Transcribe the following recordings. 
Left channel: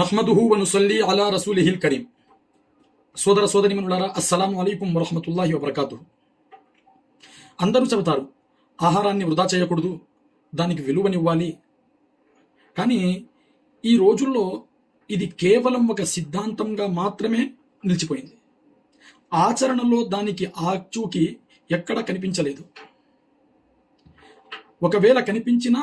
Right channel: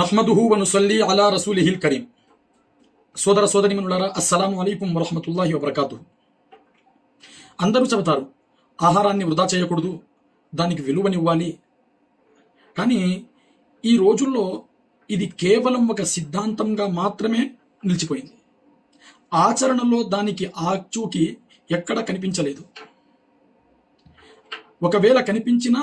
నహ్మదుహు వ నుసల్లి అలా రసూలిహిల్ కరీం. సోదర సోదరీమణులారా, అస్సలాము అలైకుం వరహ్మతుల్లాహి వబరకాతుహు. అందరూ చెబుతారు ఆహారాన్ని వృధా చేయకూడదు, దానికి విలువనివ్వాలి. కానీ ఈ రోజుల్లో ఇది కేవలం ఒక సిద్ధాంతంగా మాత్రమే నిలిచిపోయింది. ఆచరణలో దానికి ఆచూకీ ఎక్కడ కనిపించలేదు. ఒకవేళ కనిపించినా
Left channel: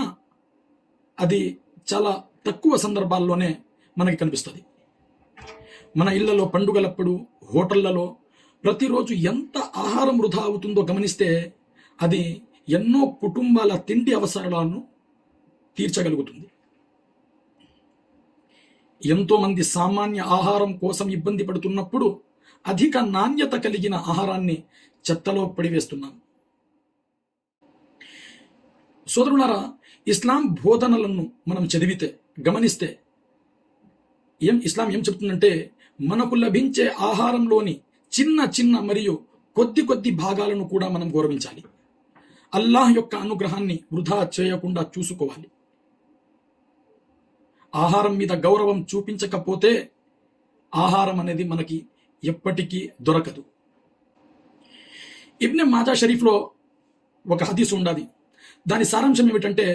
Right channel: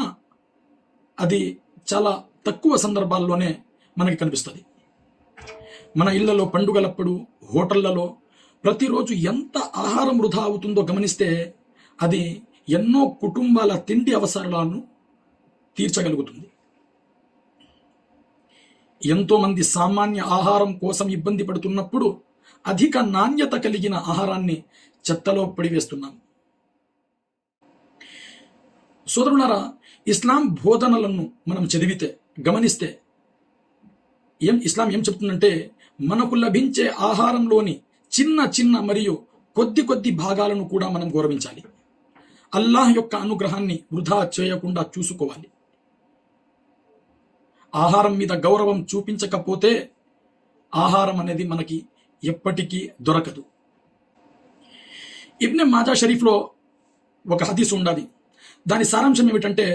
అది చాలా తక్కువ సందర్భాల్లోనే మనకి కనిపిస్తుంది. మన ఇళ్లలో పండుగలప్పుడు, హోటళ్లలో ప్రతిరోజు ఎంత ఆహారం వృధా అవుతుందో గమనిస్తే అది ఎన్నో కుటుంబాల తిండి అవసరాలను తీర్చగలుగుతుంది. ఎంతో మంది సామాన్య ఆహారం కోసం ఇబ్బంది పడుతున్నప్పుడు అధిక నాణ్యత కలిగిన ఆహారాన్ని చెత్తలో పడివేస్తున్నాం. సోదరులారా, ఇస్లాం బోధనలను మనం చదివితే గమనిస్తే ఇస్లాం ఏం చెప్తుందంటే, మనకు లభించే ఆహారంలోని చిన్న చిన్న మరియు కొద్ది భాగాలను కూడా మనం గౌరవించాలి. అల్లాహ్ యొక్క అనుగ్రహాన్ని వృధా చేయకుండా చూసుకోవాలి. ఆహారం మీద గౌరవం చూపించకపోతే ఆహారం అనేది మనకి ఎప్పటికీ దొరకదు. ఇబ్నే మాజా షరీఫ్లో ఒక హదీస్ ఉండాలి. దాని సారాంశం ఏమిటంటే,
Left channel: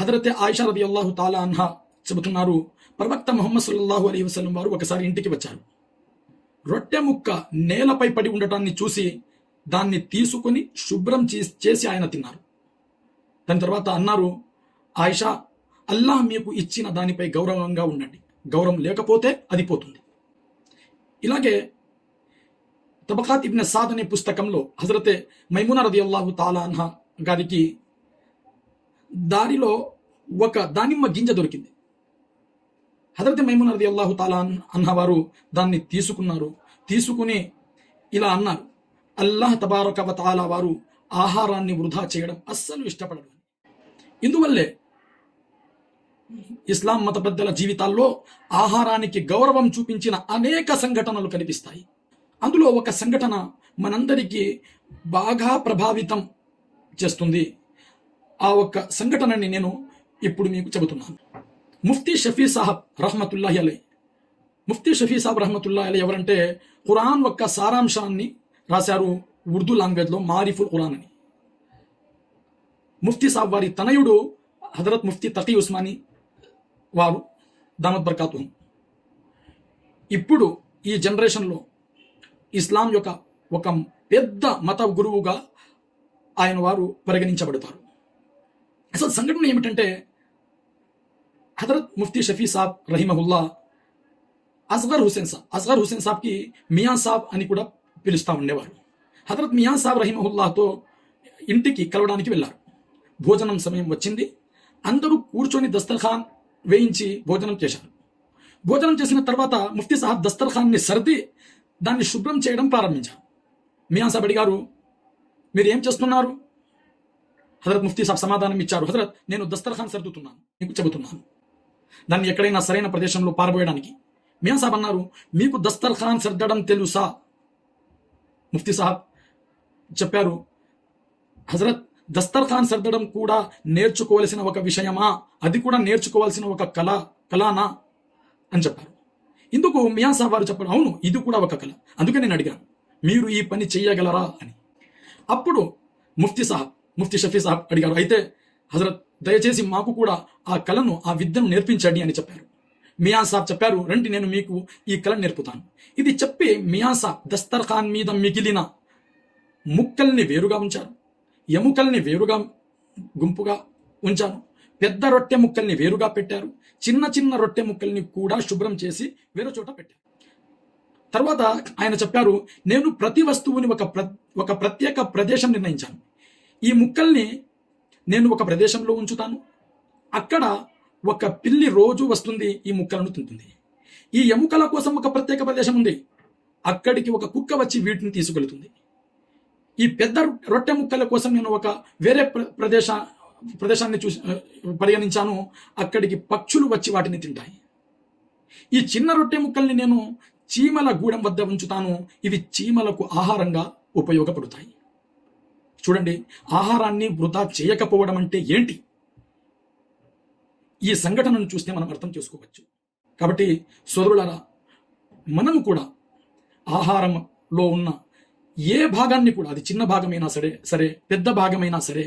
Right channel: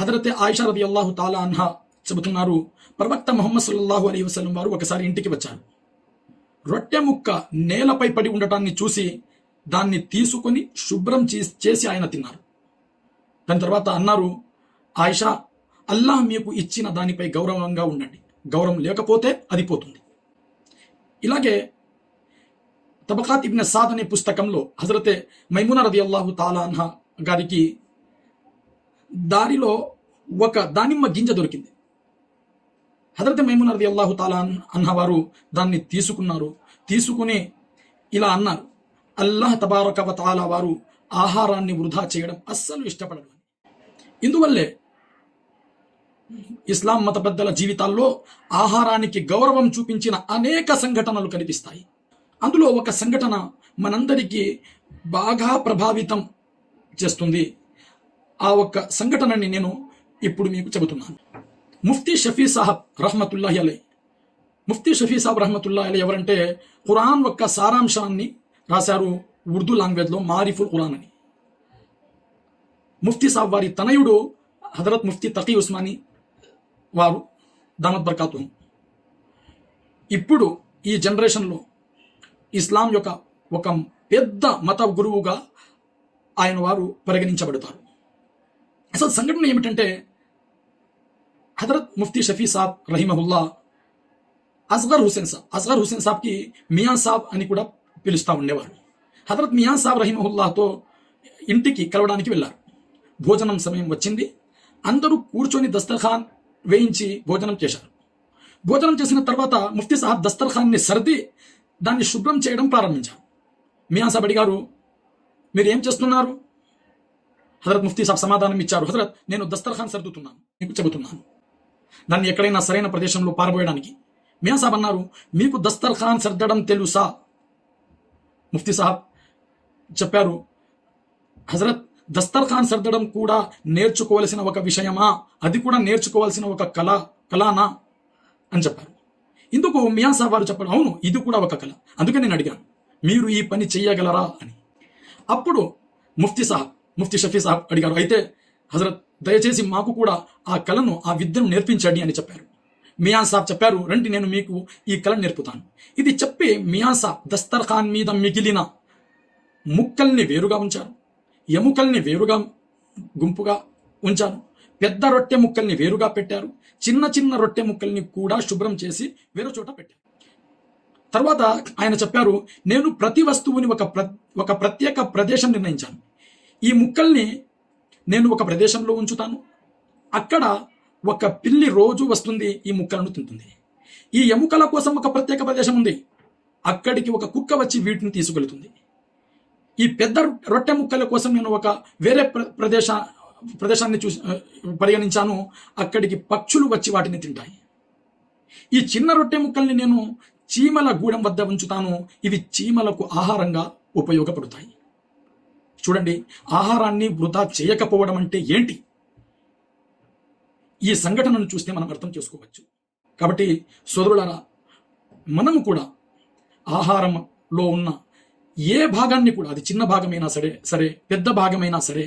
హజరతే ఆయిషా రదియల్లాహు తాలా అన్హా చెబుతున్నారు, ప్రవక్త ముహమ్మద్ సల్లల్లాహు అలైహి వసల్లం వారు ఒకసారి ఇంటికి వచ్చారు. రొట్టె ముక్క నేలపై పడి ఉండటాన్ని చూసి దాన్ని తీసుకొని శుభ్రం చేసి ఆయన తిన్నారు. దాని తర్వాత అన్నారు, ఆయిషా, అల్లాహ్ మీకు ఇచ్చిన దానిపై గౌరవంగా ఉండండి, గౌరవం లేకపోతే అది పోతుంది. ఇలాగే తబకాత్ ఇబ్న్ సాద్ అనే పుస్తకంలో హజరతే మైమునా రదియల్లాహు తాలా అన్హా గారికి దారిలో ఒక దానిమ్మ గింజ దొరికింది. హజరతే మైమునా రదియల్లాహు తాలా అన్హా వారు దాన్ని తీసుకుని ఇలా అన్నారు, అల్లాహ్ తబారక వ తఆలా వారు ఆహారాన్ని వృధా చేయడం అస్సలు ఇష్టపడరు. ఇందువల్లే ఇస్లాం మత పెద్దల జీవితాల్లో ఆహారానికి గౌరవం చూపించిన అనేక సంఘటనలు కనిపిస్తాయి. అందులో ఒక సంఘటన మనందరికీ బాగా ప్రభావితం చేస్తుంది. ఆ ఒక్క సంఘటనని నేను ఇప్పుడు మీకు చెబుతున్నాను. ముఫ్తీ షఫీ సాహబ్ రహ్మతుల్లాహి అలైహి. ముఫ్తీ షఫీ సాహబ్ రహ్మతుల్లాహి అలైహి ఎవరంటే, ఖురాన్ యొక్క సారాంశాన్ని రాశారు ఉర్దూ లాంగ్వేజ్లో, మారిఫుల్ ఖురాన్ అని. ముఫ్తీ సాహబ్ వారి తనయుడు హజరత్ ముఫ్తీ తకీ ఉస్మానీ వారు దామత్ బర్కాతుహు. ఇప్పుడు ఈ జనరేషన్లో ఇస్లాం యొక్క ఒక పెద్ద మత గురువుగా ఆయన వారు పరిగణించబడతారు. అసలు సంఘటన ఏమిటంటే, హజరత్ ముఫ్తీ షఫీ సాబ్ రహిమహుల్లా అస్గర్ హుసేన్ సాబ్కి మియా సాబ్ అని కూడా పిలుస్తూ ఉండేవారు. హజరత్ మియా సాబ్ రహిమహుల్లాతో ఇంటికి కలవడానికి వెళ్ళారు. భోజనం సమయం వచ్చింది. అందరూ కూర్చొని దస్తర్ఖాన్ వేయించి భోజనం చేశారు. భోజనం చేసిన తర్వాత ముఫ్తీ సాబ్ దస్తర్ఖాన్ని సర్ది దాన్ని శుభ్రం చేయడం ప్రారంభించారు. మియా సాబ్ అడిగారు, మీరు ఏం చేస్తున్నారు? హజరత్ ముఫ్తీ సాబ్ సమాధానం ఇచ్చారు, హజరత్, నేను దస్తర్ఖాన్ సర్దుతున్నాను, మీకు చెబుతున్నాను, దాన్ని ఎక్కడైనా సరైన ప్రదేశంలో పారబోయడానికి. మియా సాబ్ అన్నారు, మీకు దస్తర్ఖాన్ సర్దడం తెలుసా? ముఫ్తీ సాబ్ చెప్పారు, హజరత్, దస్తర్ఖాన్ సర్దడం కూడా నేర్చుకోవాల్సిన ఒక విషయమా? అది కూడా నేర్చుకోవాల్సిన ఒక కళనా అని చెప్పారు. ఇందుకు మియా సాబ్ వారు చెప్పారు, అవును, ఇది కూడా ఒక కళ, అందుకే నేను అడిగాను, మీరు ఈ పని చెయ్యగలరా అని. అప్పుడు ముఫ్తీ షఫీ సాబ్ అడిగారు, అయితే హజరత్, దయచేసి మాకు కూడా ఆ కళను, ఆ విద్యను నేర్పించండి అని చెప్పారు. మియా సాబ్ చెప్పారు, రండి, నేను మీకు ఈ కళను నేర్పుతాను. ఇది చెప్పి మియా సాబ్ దస్తర్ఖాన్ మీద మిగిలిన ముక్కల్ని వేరుగా ఉంచారు, ఎముకల్ని వేరుగా గుంపుగా ఉంచారు, పెద్ద రొట్టె ముక్కల్ని వేరుగా పెట్టారు, చిన్న రొట్టె ముక్కల్ని కూడా శుభ్రం చేసి వేరు చోట పెట్టారు. తర్వాత ఆయన చెప్పారు, నేను ప్రతి వస్తువుని ఒక ప్రత్యేక ప్రదేశం నిర్ణయించాను. ఈ ముక్కల్ని నేను ఒక ప్రదేశంలో ఉంచుతాను. అక్కడ ఒక పిల్లి రోజు వస్తుంది, ఈ ముక్కలను తింటుంది. ఈ ఎముకల కోసం ఒక ప్రత్యేక ప్రదేశం ఉంది, అక్కడికి ఒక కుక్క వచ్చి వీటిని తీసుకెళ్తుంది. ఈ పెద్ద రొట్టె ముక్కల కోసం నేను ఒక వేరే ప్రదేశాన్ని పరిగణించాను, అక్కడికి పక్షులు వచ్చి వాటిని తింటాయి. ఈ చిన్న రొట్టె ముక్కల్ని నేను చీమల గూడెం వద్ద ఉంచుతాను, ఇవి చీమలకు ఆహారంగా ఉపయోగపడతాయి. చూడండి, ఆహారాన్ని వృధా చేయకపోవడం అంటే ఏంటి? ఈ సంఘటనను చూస్తే మనం అర్థం చేసుకోవచ్చు. కాబట్టి సోదరులారా, మనము కూడా ఆహారంలో ఉన్న ఏ భాగాన్ని కూడా, అది చిన్న భాగమైనా సరే పెద్ద భాగమైనా సరే,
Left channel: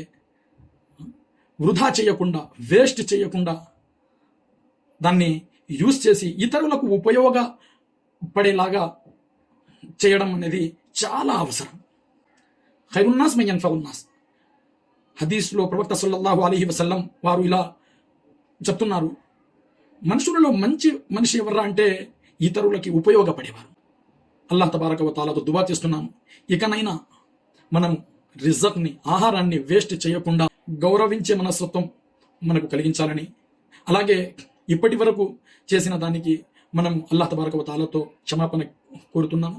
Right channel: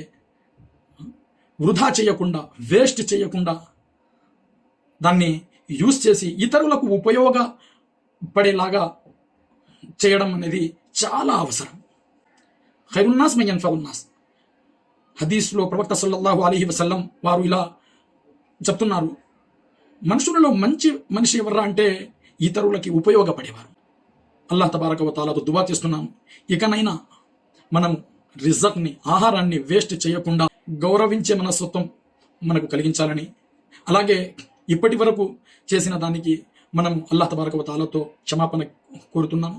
వృధా చేయకుండా, వేస్ట్ చేయకుండా దాన్ని యూస్ చేసి ఇతరులకు ఉపయోగపడేలాగా చేయడం అనేది చాలా అవసరం. ఖైరున్నాస్ మన్ యన్ఫఉన్నాస్. హదీస్లో ప్రవక్త సల్లల్లాహు అలైహి వసల్లం వారు ఇలా చెప్తున్నారు, మనుషులలో మంచి మనిషి ఎవర్రా అంటే ఇతరులకి ఉపయోగపడేవారు. అల్లాహ్ తబారక వ తఆలాతో దువా చేస్తున్నాము, ఇకనైనా మనం రిజక్ని, ఆహారాన్ని వేస్ట్ చేయకుండా గౌరవించే మనస్తత్వం మనకు కలిగించాలని, అలాగే ఇప్పటి వరకు చేసిన దానికి మనం అల్లాహ్ తబారక వ తఆలాతో క్షమాపణ కోరుతున్నాము.